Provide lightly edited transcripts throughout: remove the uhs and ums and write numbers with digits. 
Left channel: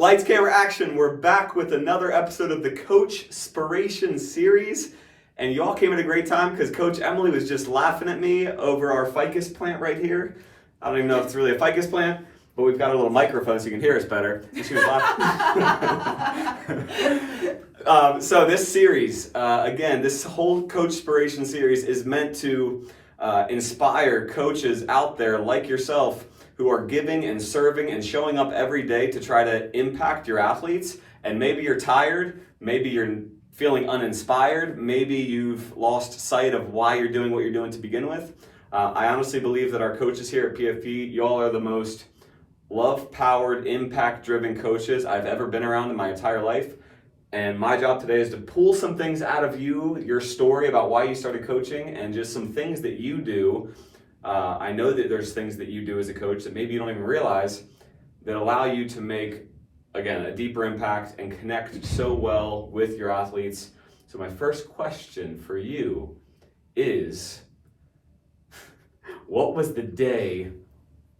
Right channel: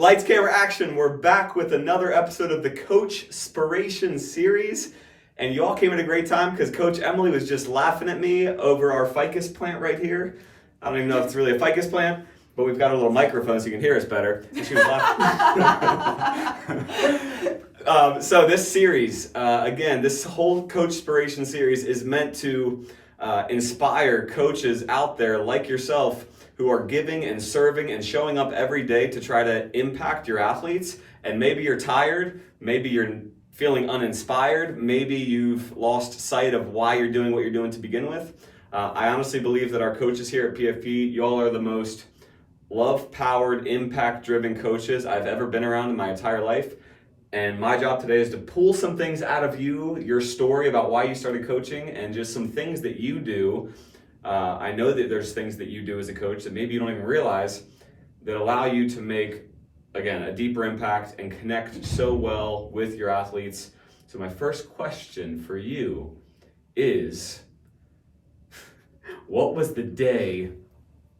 Lights, camera, action. We're back with another episode of the CoachSpiration series. And you all came at a great time because Coach Emily was just laughing at me over our ficus plant right here. I don't even know if it's really a ficus plant, but we've got a little microphone so you can hear us better. So she was laughing. So this series, again, this whole CoachSpiration series is meant to inspire coaches out there like yourself who are giving and serving and showing up every day to try to impact your athletes. And maybe you're tired, maybe you're feeling uninspired, maybe you've lost sight of why you're doing what you're doing to begin with. I honestly believe that our coaches here at PFP, y'all are the most love-powered, impact-driven coaches I've ever been around in my entire life. And my job today is to pull some things out of you, your story about why you started coaching, and just some things that you do. I know that there's things that you do as a coach that maybe you don't even realize that allow you to make, again, a deeper impact and connect so well with your athletes. So my first question for you is, what was the day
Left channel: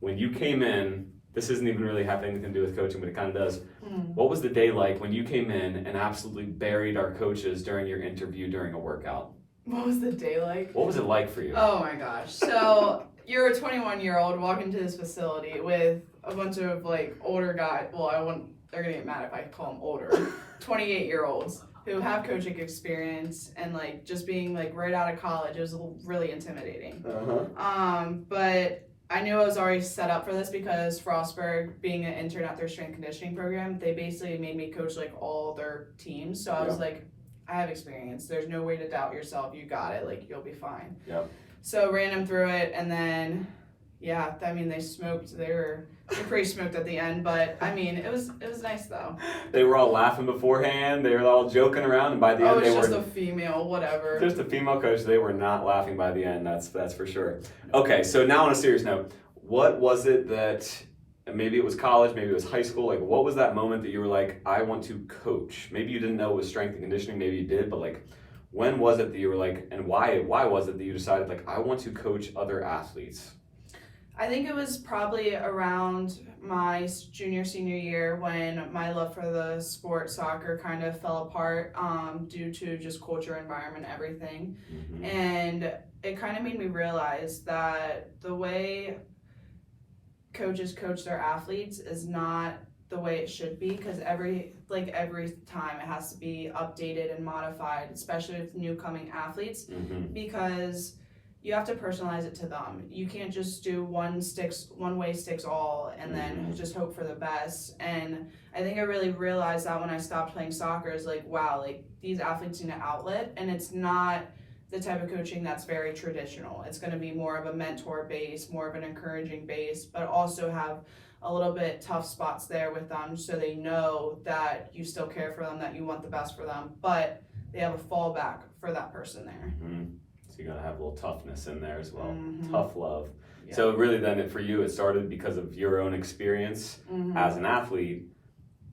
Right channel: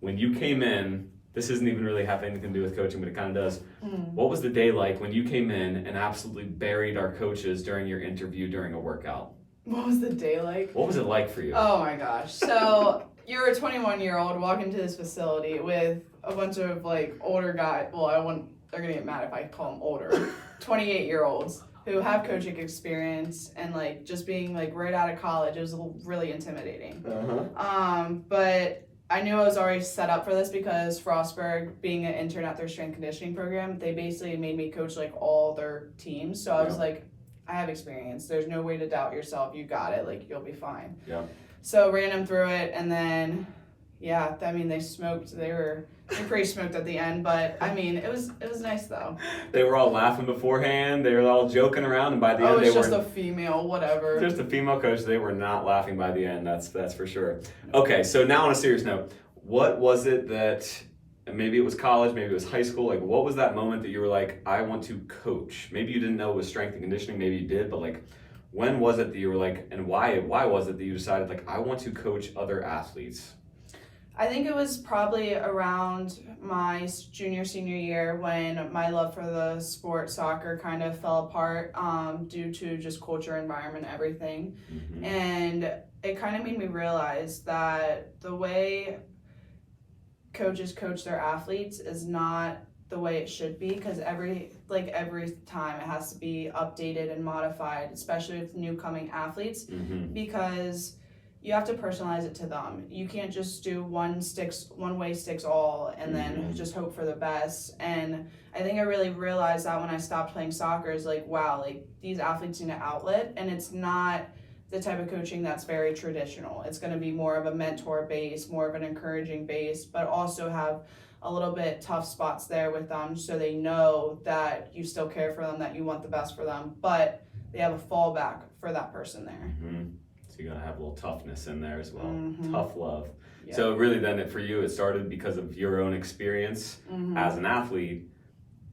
when you came in? This isn't even really have anything to do with coaching, but it kind of does. What was the day like when you came in and absolutely buried our coaches during your interview during a workout? What was the day like? What was it like for you? Oh my gosh. So you're a 21-year-old walking to this facility with a bunch of like older guys. Well, they're gonna get mad if I call them older. 28-year-olds who have coaching experience and like just being like right out of college. It was really intimidating. But I knew I was already set up for this because Frostburg, being an intern at their strength conditioning program, they basically made me coach like all their teams. So I was like, I have experience. There's no way to doubt yourself. You got it. Like, you'll be fine. Yeah. So ran them through it, and then, yeah, I mean, they smoked. They were pretty smoked at the end, but I mean, it was nice though. They were all laughing beforehand. They were all joking around, and by the end, they were just a female, whatever. Just a female coach. They were not laughing by the end. That's for sure. Okay, so now on a serious note, what was it that? Maybe it was college, maybe it was high school. Like, what was that moment that you were like, I want to coach? Maybe you didn't know it was strength and conditioning. Maybe you did, but like, when was it that you were like, and why was it that you decided like, I want to coach other athletes? I think it was probably around my senior year when my love for the sport soccer kind of fell apart due to just culture, environment, everything. And it kind of made me realize that the way coaches coach their athletes is not the way it should be, because every time it has to be updated and modified, especially with new coming athletes, because you have to personalize it to them. You can't just do one way sticks all and then just hope for the best. And I think I really realized that when I stopped playing soccer, is like, wow, like these athletes need an outlet, and it's not the type of coaching that's very traditional. It's going to be more of a mentor base, more of an encouraging base, but also have a little bit tough spots there with them so they know that you still care for them, that you want the best for them, but they have a fallback for that person there. So you're going to have a little toughness in there as well. Tough love. Yeah. So really then for you, it started because of your own experience as an athlete,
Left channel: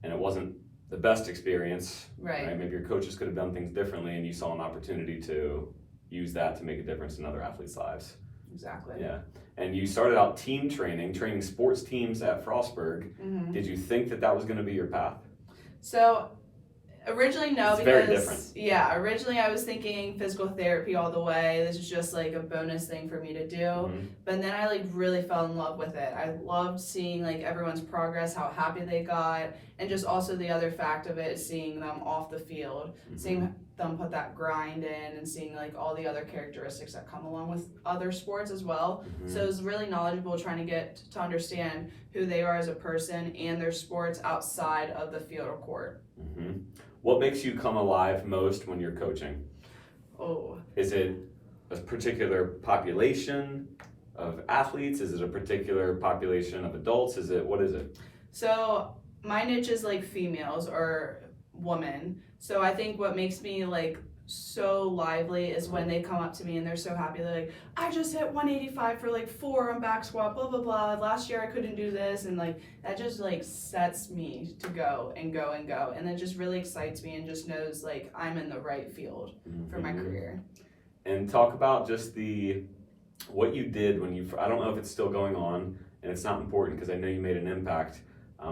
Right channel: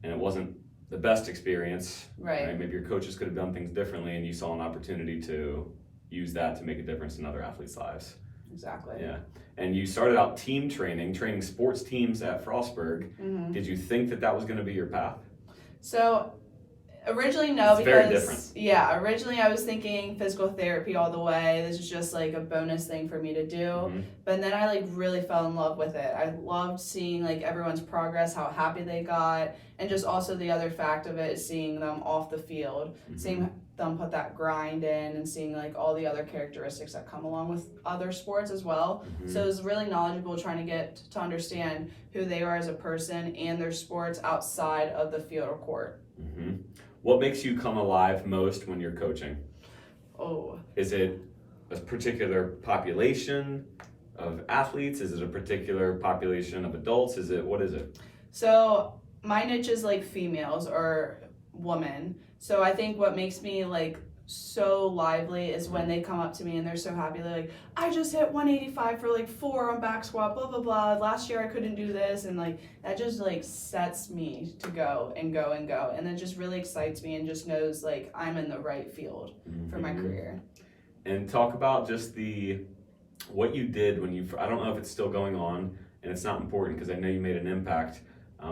and it wasn't the best experience. Right? Maybe your coaches could have done things differently, and you saw an opportunity to use that to make a difference in other athletes' lives. Exactly. Yeah. And you started out team training sports teams at Frostburg. Did you think that was going to be your path? So originally, no, it's because very different. Yeah, originally I was thinking physical therapy all the way. This is just like a bonus thing for me to do. But then I like really fell in love with it. I loved seeing like everyone's progress, how happy they got, and just also the other fact of it is seeing them off the field, seeing them put that grind in, and seeing like all the other characteristics that come along with other sports as well. So it was really knowledgeable trying to get to understand who they are as a person and their sports outside of the field or court. What makes you come alive most when you're coaching? Is it a particular population of athletes? Is it a particular population of adults? What is it? So my niche is like females or women. So I think what makes me like so lively is when they come up to me and they're so happy. They're like, I just hit 185 for like 4 on back squat, blah, blah, blah. Last year I couldn't do this. And like, that just like sets me to go and go and go. And it just really excites me and just knows like I'm in the right field for my career. And talk about just what you did when I don't know if it's still going on and it's not important because I know you made an impact,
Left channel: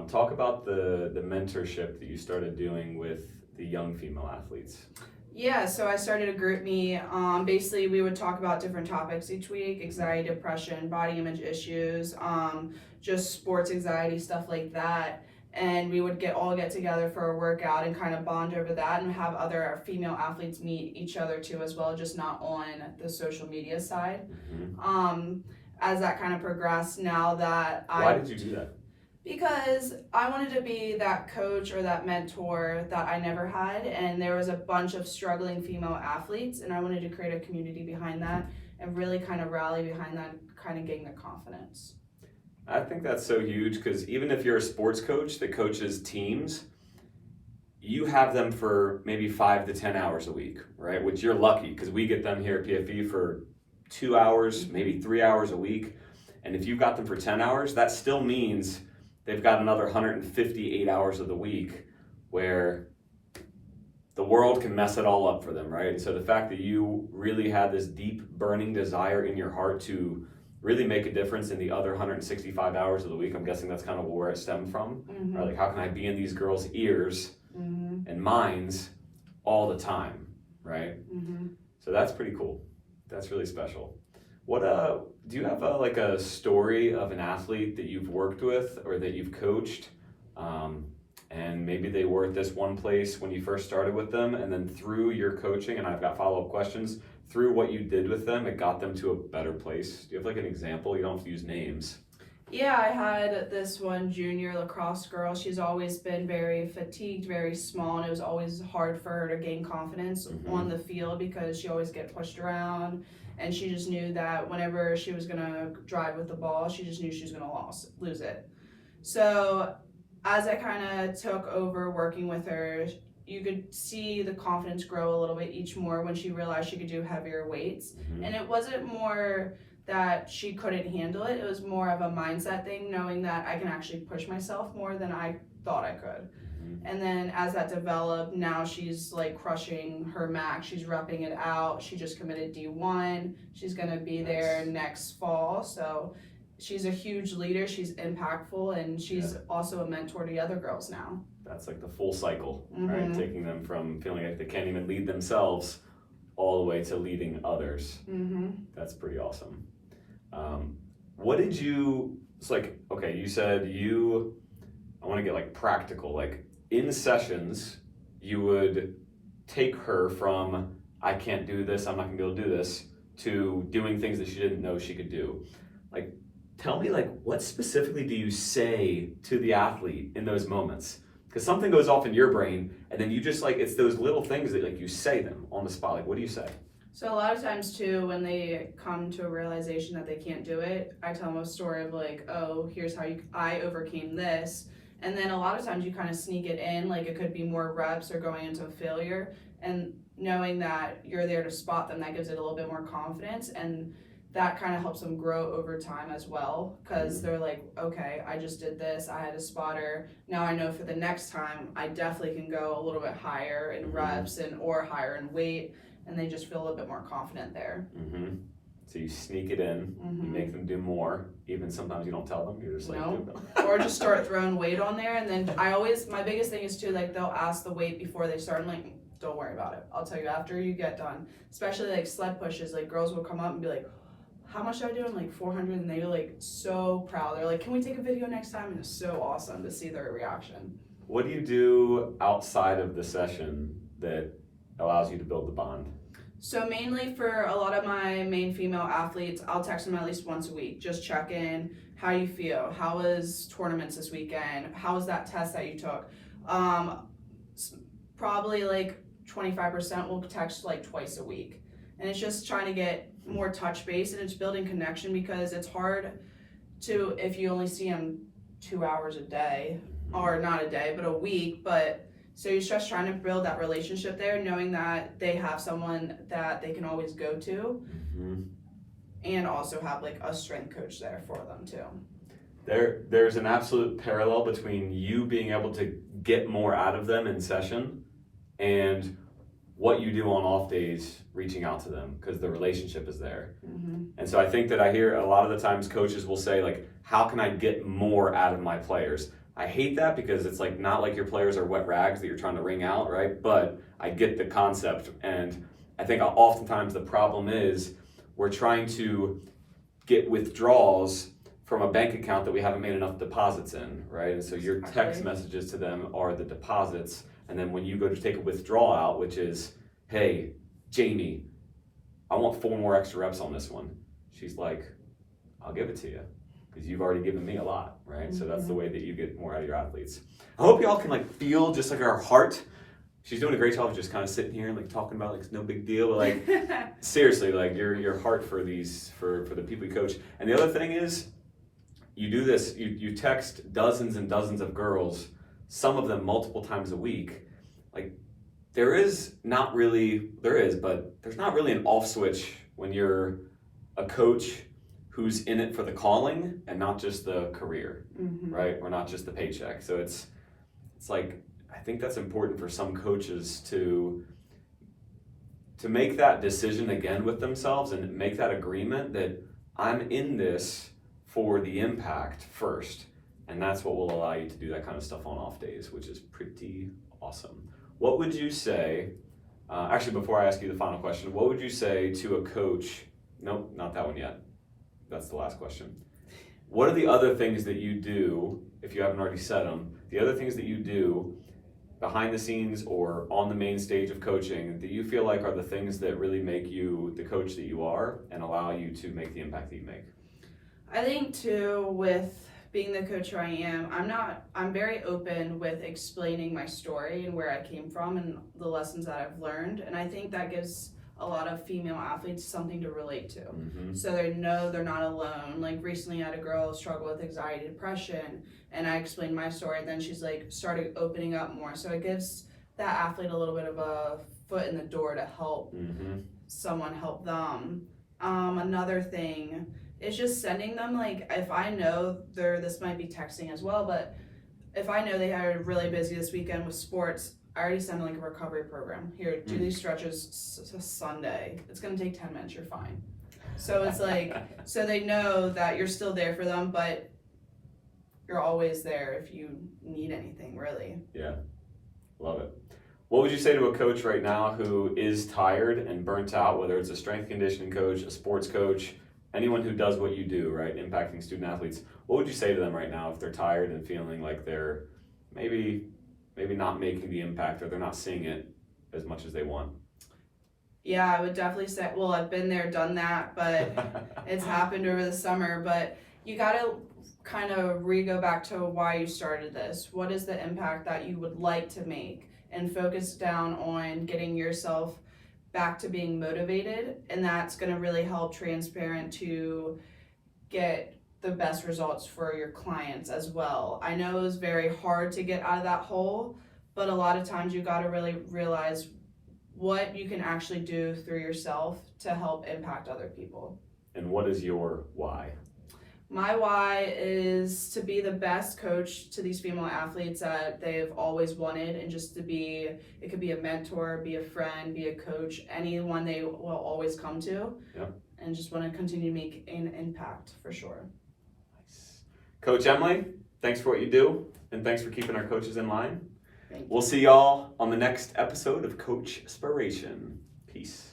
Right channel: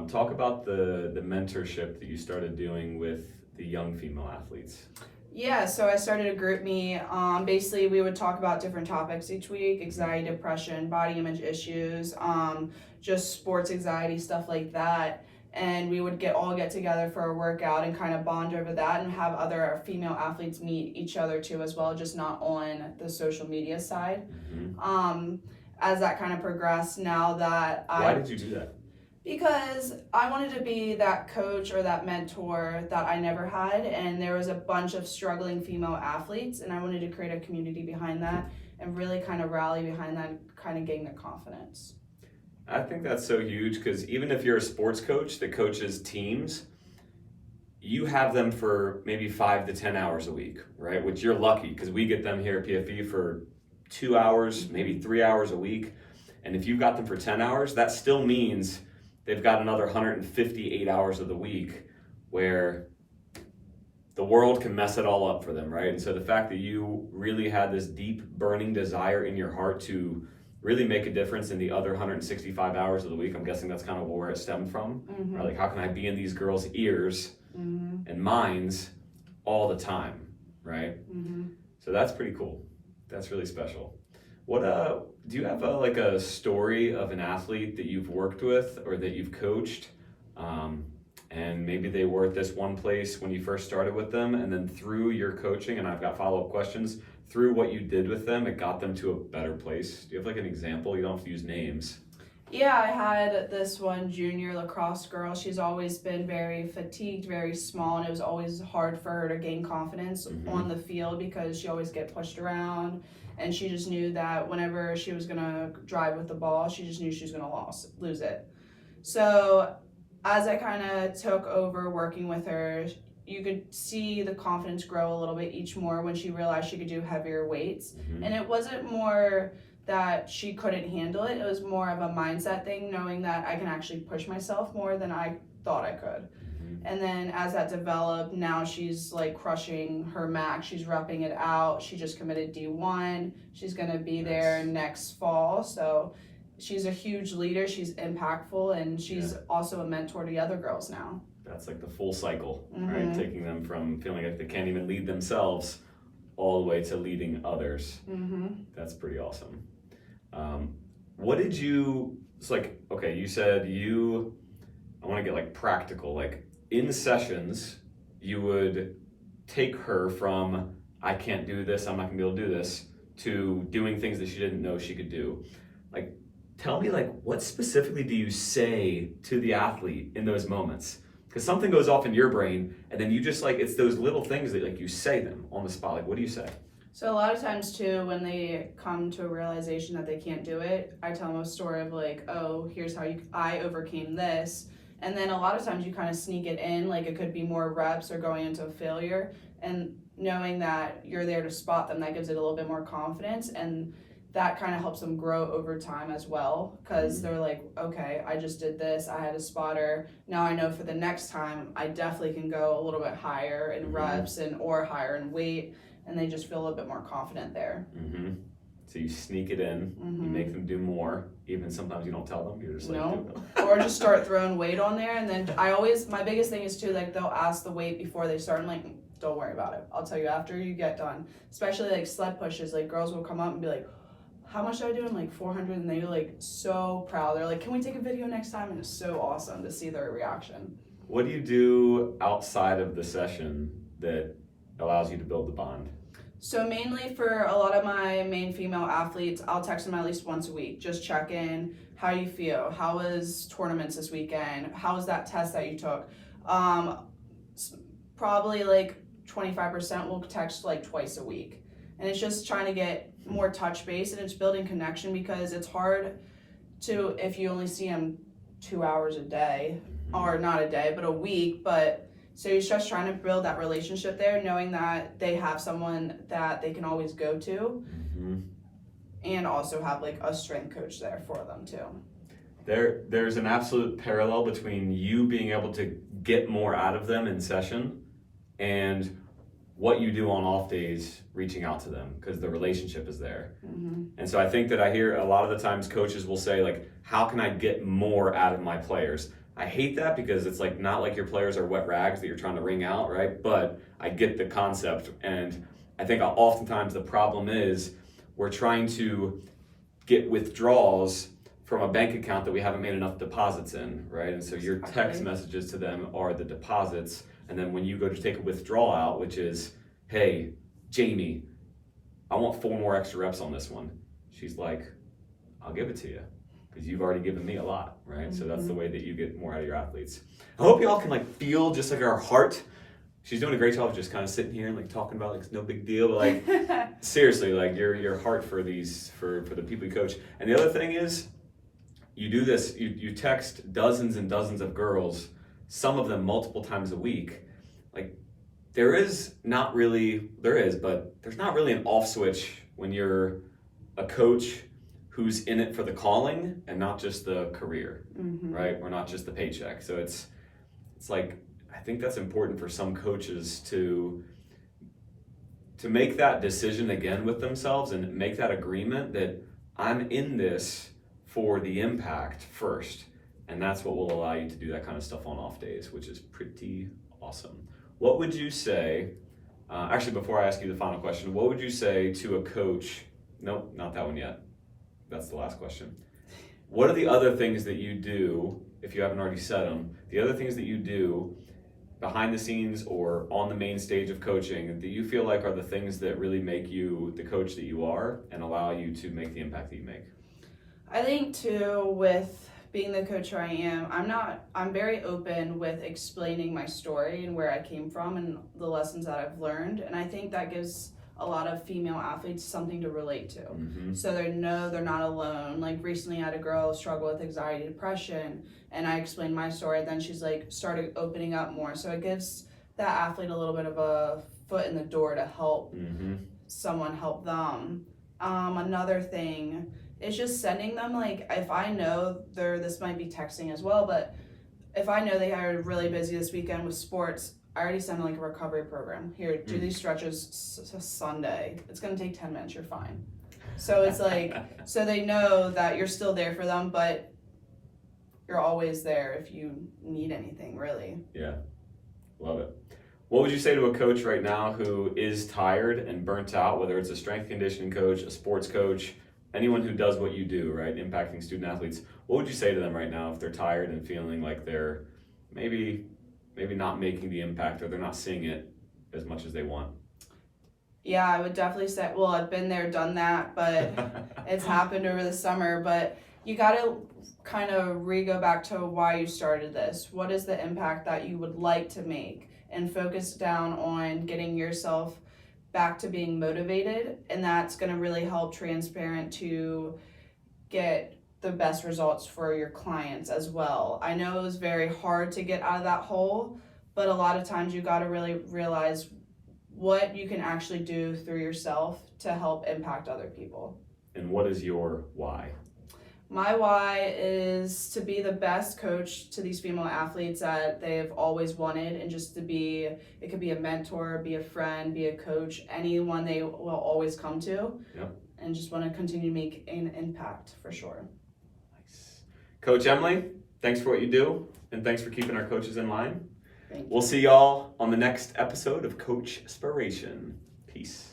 Talk about the mentorship that you started doing with the young female athletes. Yeah, so I started a group me. Basically, we would talk about different topics each week: anxiety, depression, body image issues, just sports anxiety, stuff like that. And we would all get together for a workout and kind of bond over that, and have other female athletes meet each other too as well, just not on the social media side. As that kind of progressed, now that Why did you do that? Because I wanted to be that coach or that mentor that I never had, and there was a bunch of struggling female athletes, and I wanted to create a community behind that and really kind of rally behind that, kind of gain their confidence. I think that's so huge, because even if you're a sports coach that coaches teams, you have them for maybe 5 to 10 hours a week, right? Which you're lucky, because we get them here at PFE for 2 hours, maybe 3 hours a week. And if you've got them for 10 hours, that still means they've got another 158 hours of the week where the world can mess it all up for them, right? And so the fact that you really had this deep burning desire in your heart to really make a difference in the other 165 hours of the week, I'm guessing that's kind of where it stemmed from. Right? Like, how can I be in these girls' ears and minds all the time, right? So that's pretty cool. That's really special. What do you have like a story of an athlete that you've worked with or that you've coached, and maybe they were at this one place when you first started with them, and then through your coaching, and I've got follow-up questions, through what you did with them, it got them to a better place? Do you have like an example? You don't have to use names. Yeah, I had this one junior lacrosse girl. She's always been very fatigued, very small, and it was always hard for her to gain confidence on the field because she always get pushed around. And she just knew that whenever she was going to drive with the ball, she just knew she was going to lose it. So as I kind of took over working with her, you could see the confidence grow a little bit each more when she realized she could do heavier weights. And it wasn't more that she couldn't handle it. It was more of a mindset thing, knowing that I can actually push myself more than I thought I could. And then as that developed, now she's like crushing her max. She's repping it out. She just committed D1. She's going to be there next fall. So she's a huge leader. She's impactful, and she's also a mentor to the other girls now. That's like the full cycle, right? Taking them from feeling like they can't even lead themselves all the way to leading others. That's pretty awesome. What did you, it's like, okay, you said I want to get like practical, like in sessions, you would take her from, I can't do this, I'm not gonna be able to do this, to doing things that she didn't know she could do. Like, tell me, like, what specifically do you say to the athlete in those moments? Because something goes off in your brain, and then you just like, it's those little things that like you say them on the spot. Like, what do you say? So a lot of times too, when they come to a realization that they can't do it, I tell them a story of like, oh, here's how I overcame this. And then a lot of times you kind of sneak it in, like it could be more reps or going into a failure, and knowing that you're there to spot them, that gives it a little bit more confidence, and that kind of helps them grow over time as well, because they're like, okay, I just did this, I had a spotter, now I know for the next time I definitely can go a little bit higher in reps or higher in weight, and they just feel a little bit more confident there. So you sneak it in, you make them do more, even sometimes you don't tell them, you're just like, do it. Or just start throwing weight on there, and then my biggest thing is too, like they'll ask the weight before they start. I'm like, don't worry about it, I'll tell you after you get done. Especially like sled pushes, like girls will come up and be like, how much do I do? I'm like 400, and they're like so proud. They're like, can we take a video next time? And it's so awesome to see their reaction. What do you do outside of the session that allows you to build the bond? So mainly for a lot of my main female athletes, I'll text them at least once a week. Just check in. How you feel? How was tournaments this weekend? How was that test that you took? Probably like 25% will text like twice a week. And it's just trying to get more touch base, and it's building connection, because it's hard to, if you only see them 2 hours a day, or not a day, but a week, but so you're just trying to build that relationship there, knowing that they have someone that they can always go to, and also have like a strength coach there for them too. There's an absolute parallel between you being able to get more out of them in session and what you do on off days reaching out to them, because the relationship is there. And so I think that I hear a lot of the times coaches will say like, how can I get more out of my players? I hate that because it's like not like your players are wet rags that you're trying to wring out, right? But I get the concept, and I think oftentimes the problem is we're trying to get withdrawals from a bank account that we haven't made enough deposits in, right? And so your text messages to them are the deposits, and then when you go to take a withdrawal out, which is, hey, Jamie, I want 4 more extra reps on this one. She's like, I'll give it to you because you've already given me a lot, right? So that's the way that you get more out of your athletes. I hope y'all can like feel just like our heart. She's doing a great job of just kind of sitting here and like talking about like it's no big deal, but like seriously, like your heart for these for the people you coach. And the other thing is, you do this. You text dozens and dozens of girls, some of them multiple times a week. Like there's not really an off switch when you're a coach who's in it for the calling and not just the career, right? Or not just the paycheck. So it's like, I think that's important for some coaches to make that decision again with themselves and make that agreement that I'm in this for the impact first. And that's what will allow you to do that kind of stuff on off days, which is pretty awesome. What would you say, actually before I ask you the final question, what would you say to a coach? Nope, not that one yet. That's the last question. What are the other things that you do, if you haven't already said them, the other things that you do behind the scenes or on the main stage of coaching that you feel like are the things that really make you the coach that you are and allow you to make the impact that you make? I think too, with being the coach who I am, I'm very open with explaining my story and where I came from and the lessons that I've learned. And I think that gives a lot of female athletes something to relate to. So they know they're not alone. Like recently I had a girl struggle with anxiety, depression, and I explained my story. Then she's like started opening up more. So it gives that athlete a little bit of a foot in the door to help someone help them. Another thing is just sending them, like, if I know this might be texting as well, but if I know they are really busy this weekend with sports, I already send like a recovery program. Here, do these stretches Sunday. It's gonna take 10 minutes, you're fine. So it's like, so they know that you're still there for them, but you're always there if you need anything, really. Yeah, love it. What would you say to a coach right now who is tired and burnt out, whether it's a strength conditioning coach, a sports coach, anyone who does what you do, right, impacting student athletes? What would you say to them right now if they're tired and feeling like they're maybe not making the impact or they're not seeing it as much as they want? Yeah, I would definitely say, well, I've been there, done that, but it's happened over the summer. But you got to kind of go back to why you started this. What is the impact that you would like to make? And focus down on getting yourself back to being motivated. And that's going to really help transparent to get the best results for your clients as well. I know it was very hard to get out of that hole, but a lot of times you got to really realize what you can actually do through yourself to help impact other people. And what is your why? My why is to be the best coach to these female athletes that they've always wanted, and just to be, it could be a mentor, be a friend, be a coach, anyone they will always come to. Yep. And just want to continue to make an impact for sure. Nice. Coach Emily, thanks for what you do, and thanks for keeping our coaches in line. Thank you. We'll see y'all on the next episode of CoachSpiration. Peace.